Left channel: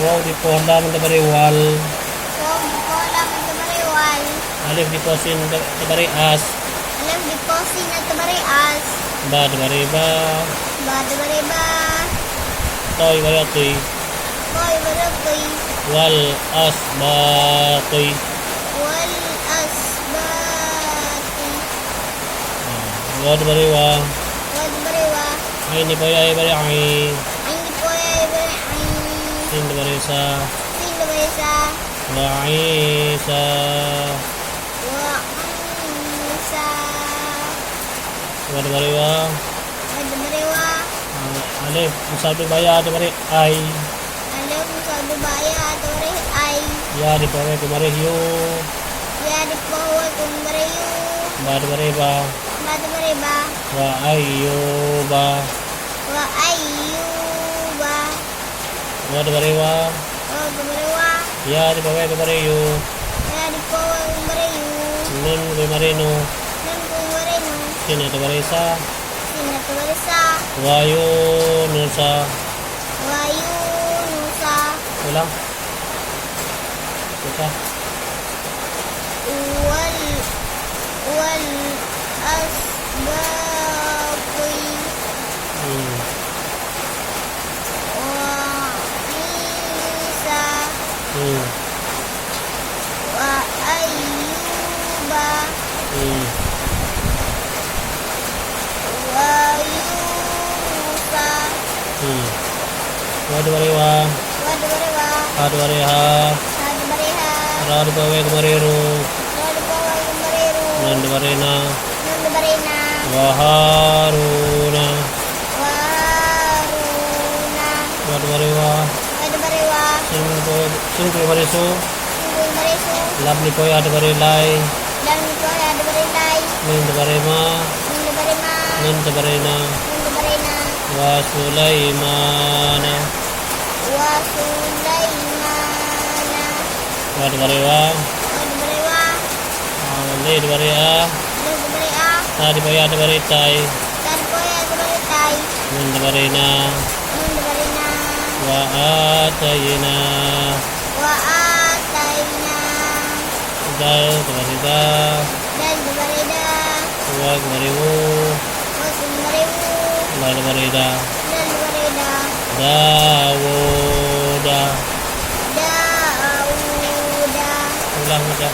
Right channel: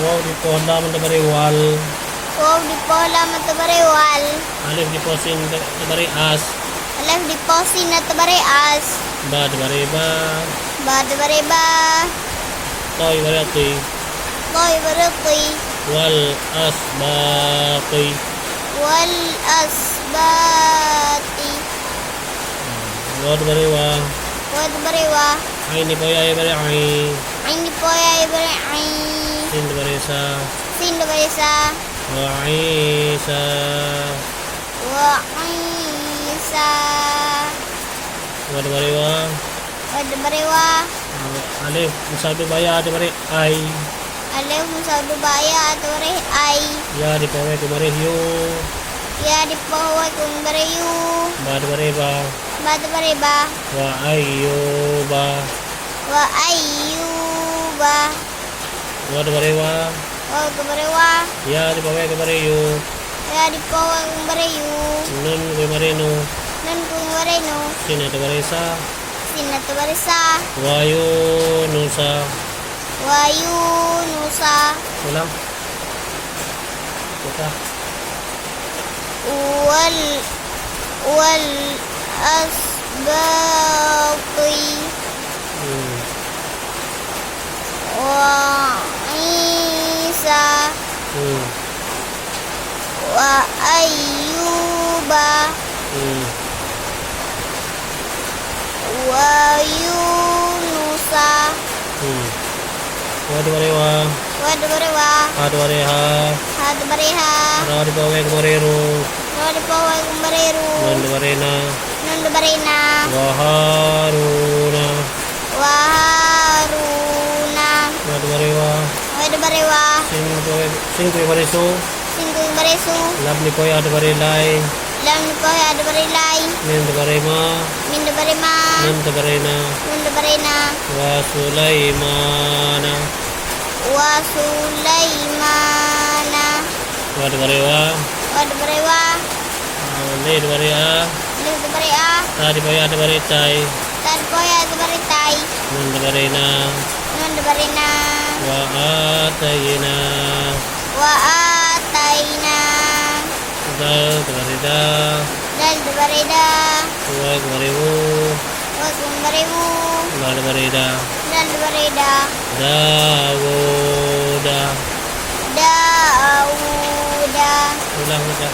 Wow di po halaman tabari wal. Wow di po halaman tabari wal. Alif di po sin tabari as. Alif di po sin tabari as. Ba tabari ba. Ba tabari ba. Toy bari atoy. Toy bari atoy. Wal as ba toy. Wal as ba ti. Wa tabari wa. Wa tabari wa. Ay ni po ay bari ay. Ay ni po ay bari ay. Sin tabari sa. Sin tabari sa. Wa isa. Wa isa. Wa tabari wa. Wa tabari wa. Alif sabi baya tabari ay. Alif sabi baya tabari ay. Ya di po ay tabari yu. Ya di po ay tabari yu. Ba tabari ba. Ba tabari ba. Wa ayu ba. Wa ayu ba. Wa tabari wa. Wa tabari wa. Ya di po ay tabari yu. Ya di po ay tabari yu. Nun koy marino. Nan ko marino. Sina tabari sa. Sina tabari sa. Wayu nusa. Wayu nusa. Ulang. Kita. Wal asbaqi. Wa isa. Wa ayyuba. Wa yunusa. Wa tabari wa. Wa tabari wa. Ha tabari ha. Ha tabari ha. Ra di po ay kumariru. Wa di po ay kumariru. Nun tabari na. Nan tabari na. Wa haruna. Wa haruna. Wa tabari wa. Wa tabari wa. Sin koy marisu. Singkong marisu. Lab ni po ay tabari lay. Lam ko ya tabari lay. Nin tabari ma. Min tabari ma. Nun tabari na. Nun tabari na. Wa sulaimana. Wa sulaimana. Wa tabari wa. Wa tabari wa. Le tabari a. Nun tabari a. Ta di po ay tabari tay. Tan ko ya tabari tay. Nun tabari na. Nun tabari na. Wa atayna. Wa atayna. Dal tabari da. Dan tabari da. Wa kumarimu. Wa kumarimu. Ba tabari da. Dan tabari da. Dawuda. Dauda. Ulang aja.